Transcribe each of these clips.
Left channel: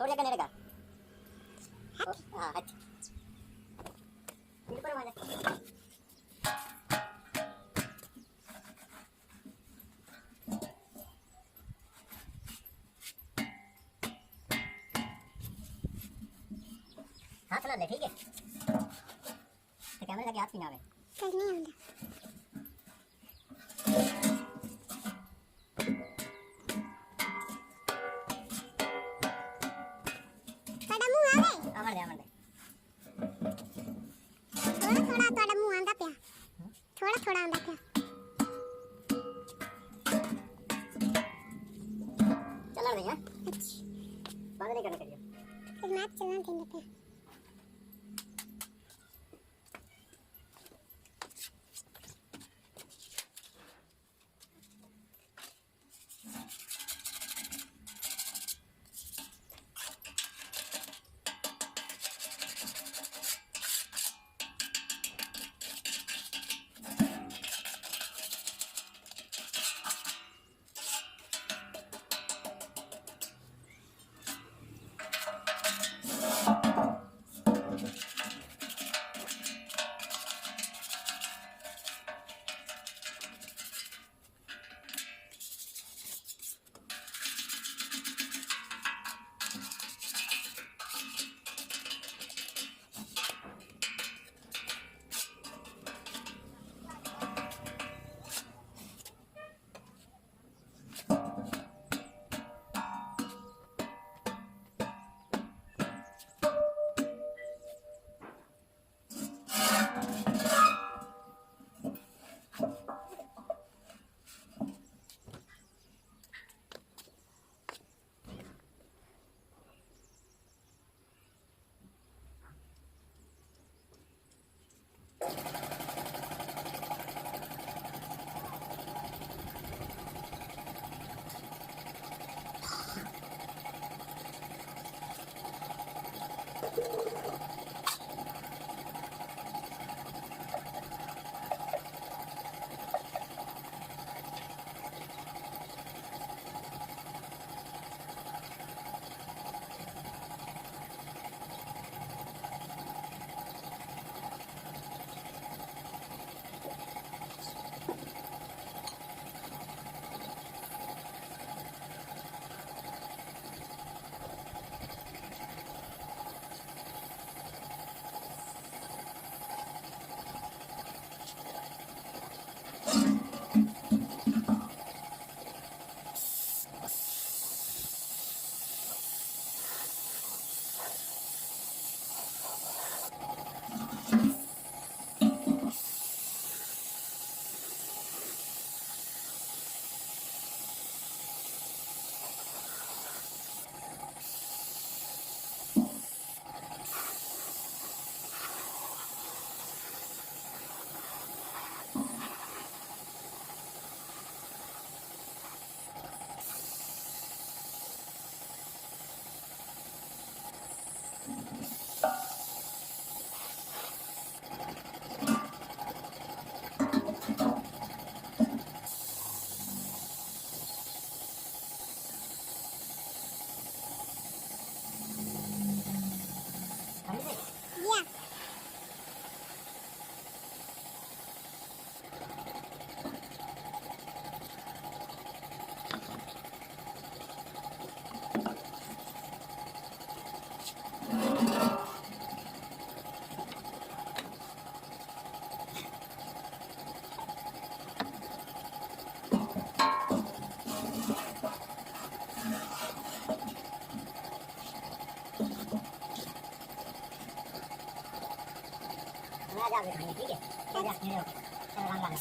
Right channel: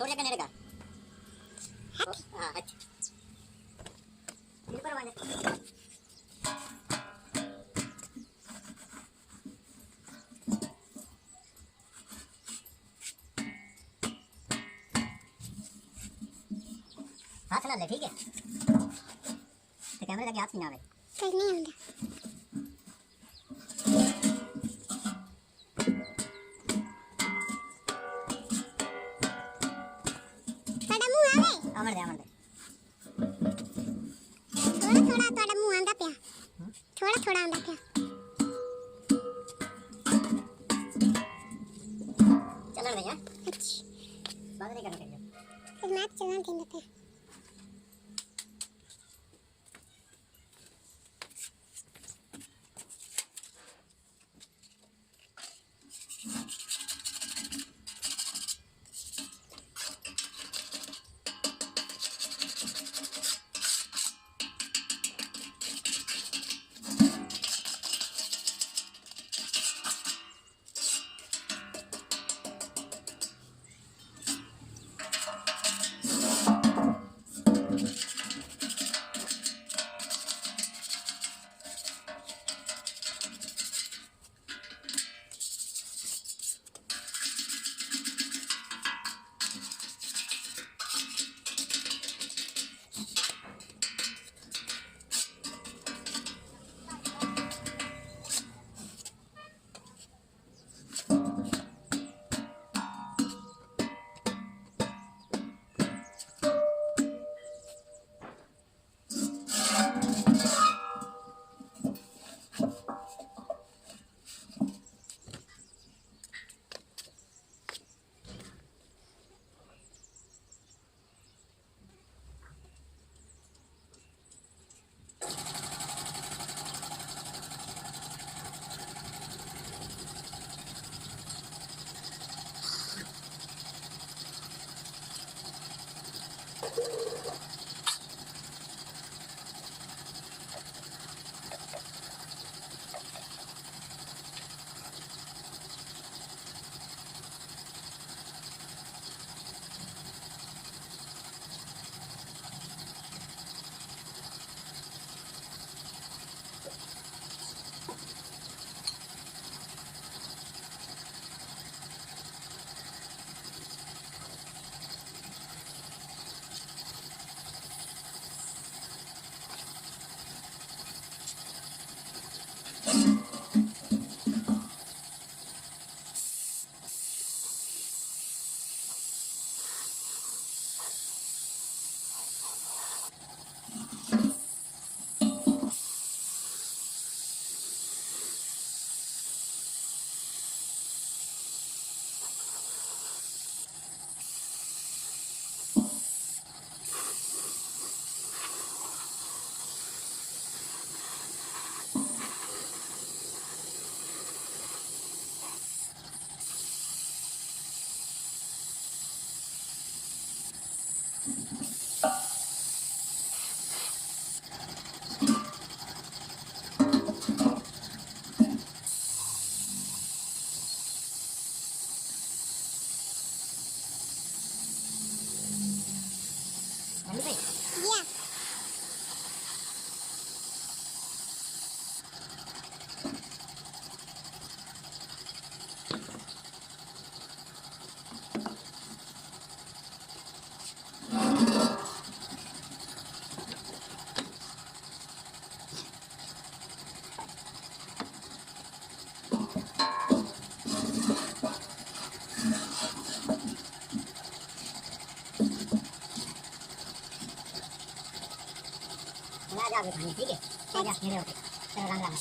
थोड़ी जगह नेड़ेगा हाँ अच्छा इनको माने हाथ ना ले ठीक है तो कैमरे लगे हाथ की ना आवे कर नहीं होता थोड़ा मुंह आवे अमर दे थोड़ा थोड़ा थोड़ा मुंह आंदा पिया थोड़ा थोड़ा आंदा पिया चलने देंगे अच्छा बात नहीं करना करिए फिर मैच चलना देंगे पे अंडी भाई या मैं जा के खानी ठीक है जा मेरे ओके चलो रंग लगा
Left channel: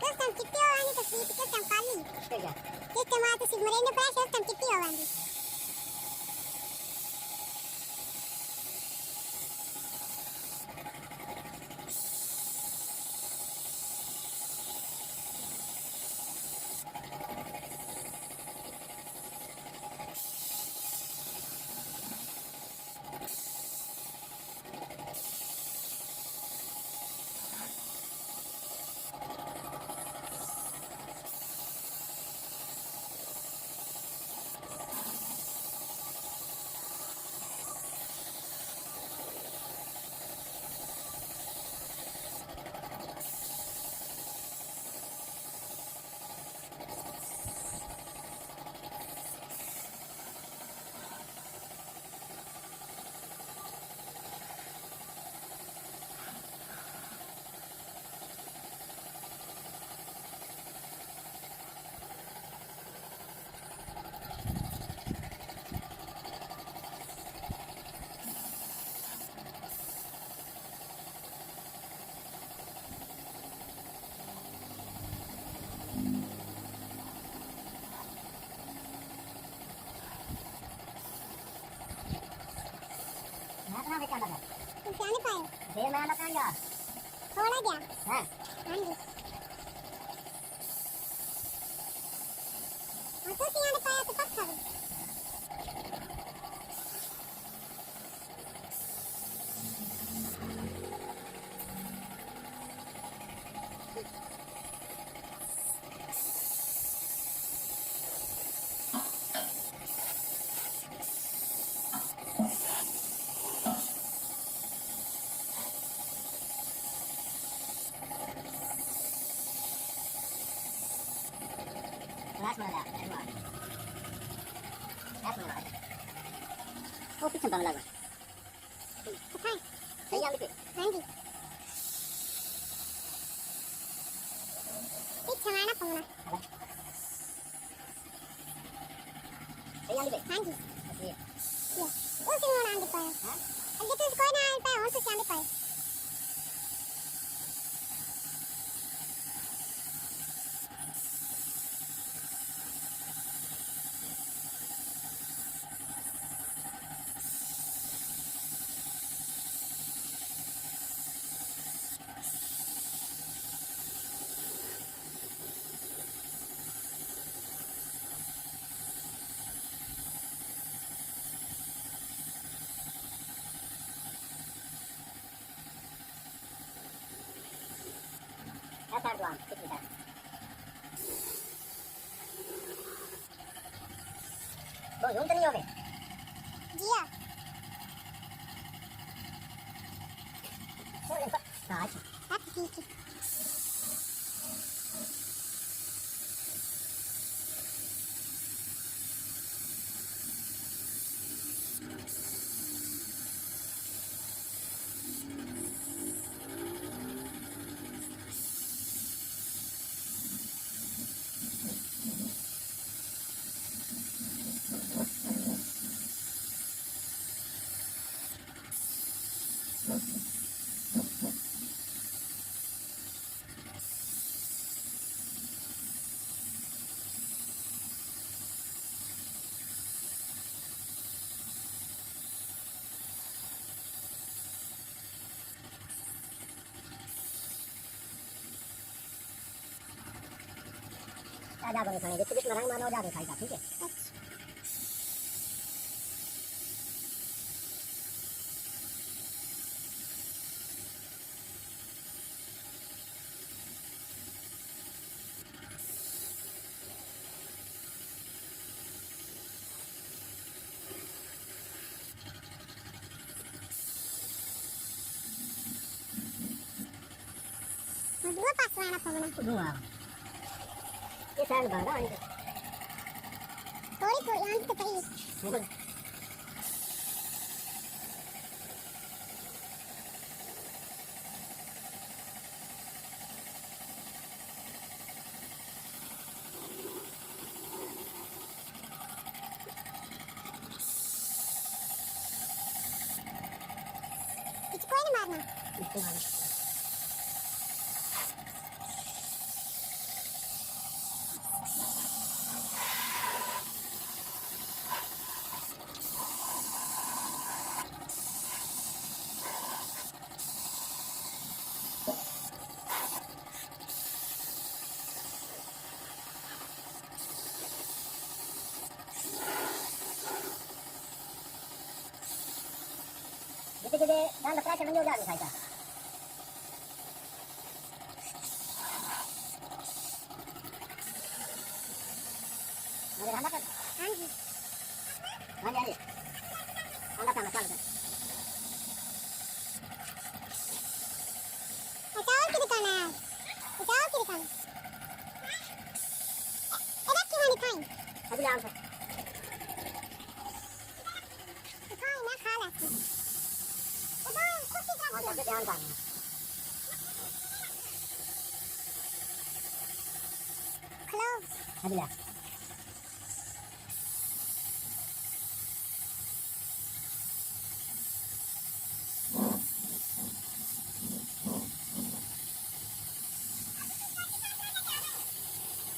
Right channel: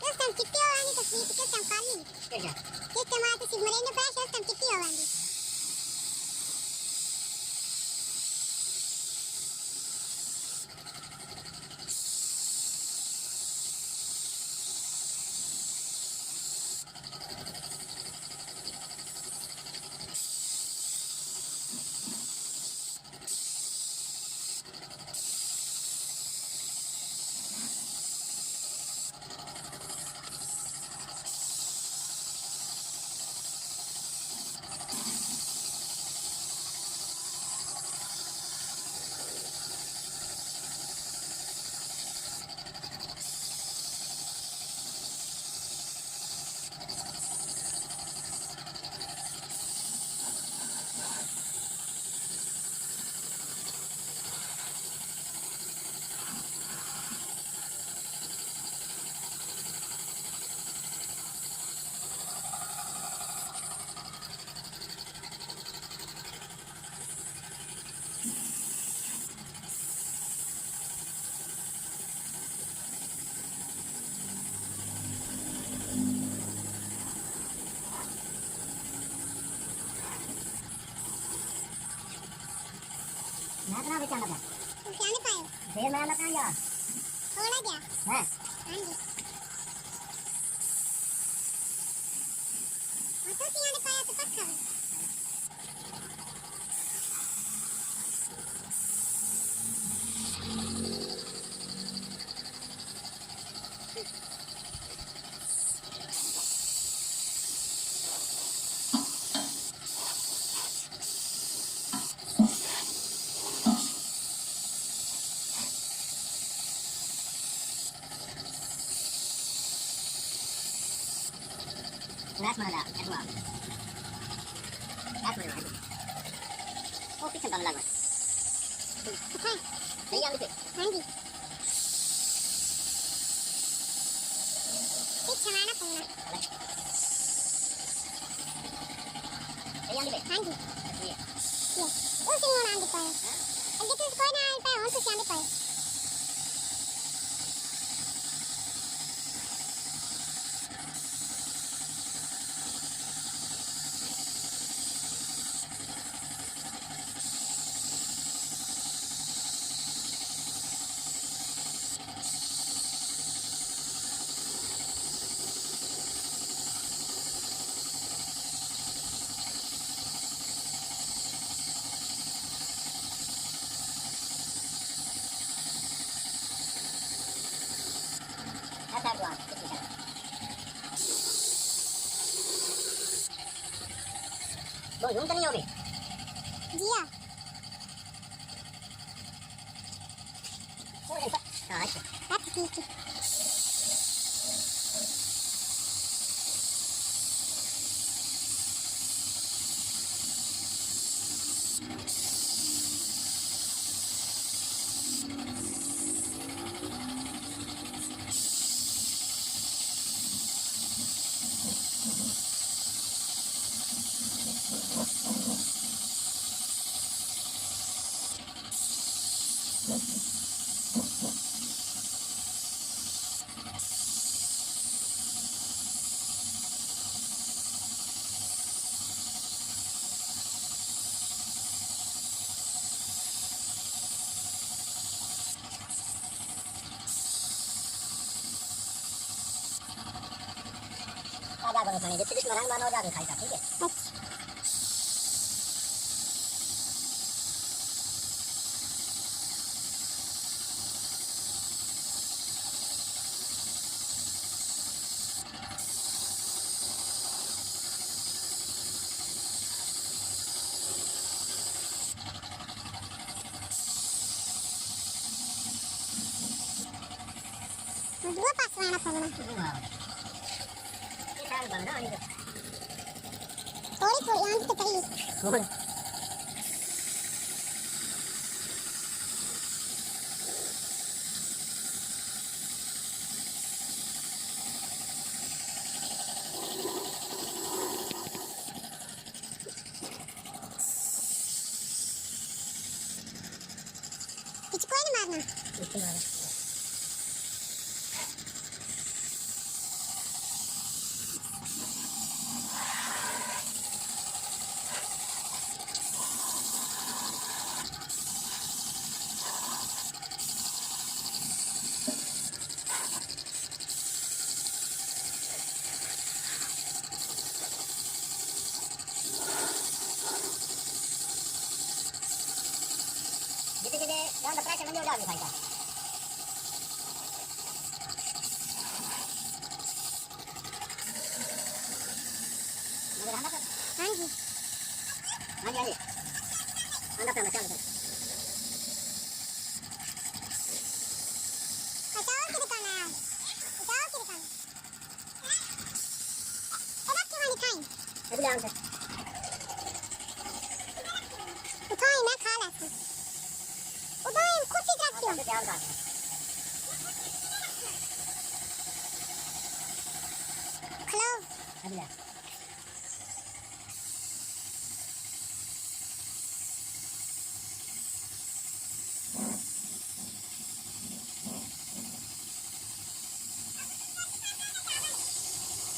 Custom chitti avanti to sweet custom falling. फिर क्या Custom avanti si morendo press custom chitti avanti. मैं अंडा कहाँ गया थोड़ा गया है हाँ जी और तो सियाने पाया तो पक्का भी Last mana dah? Last mana? Last mana? Oh, किसने कम लगा? पता है सही है अभी हाँ जी एक छमाना पौना सही है अभी हाँ जी ये ये उस दिन आंधी पाया अगर तो कोई ना आए पाए और तो आंधी पाए ऐसा दुआन कितनी है वो यूं तो नहीं होगी जिया थोड़ा सा हाँ अच्छा बात ठीक है आजा करो खाने जितने जितना रंग मानो जाके खाएगा ठीक है और दो पास वाला पौना दूंगा ये शायद बंदा आने का थोड़ी थोड़ी आंधी तो पड़ी बोल इसको ही नहीं मारना इसके बाद जितने जितने जान प्राइस मंदी हो जाएगी खाएगा मगर अंडा कर हाँ जी हाँ जी अंडा खाना चालू कर अचार की दुकान है अचार की दुकान अरे क्यों नहीं खाई अभी आराम से उठाई ना खा लेती उठाई खुद ही हाँ रखती हूँ सबसे ध्यान कर खलो अभी ला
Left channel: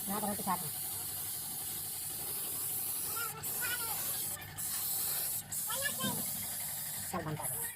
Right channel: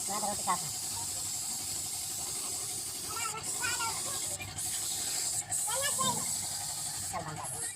मैं तो रोटी खाता हूँ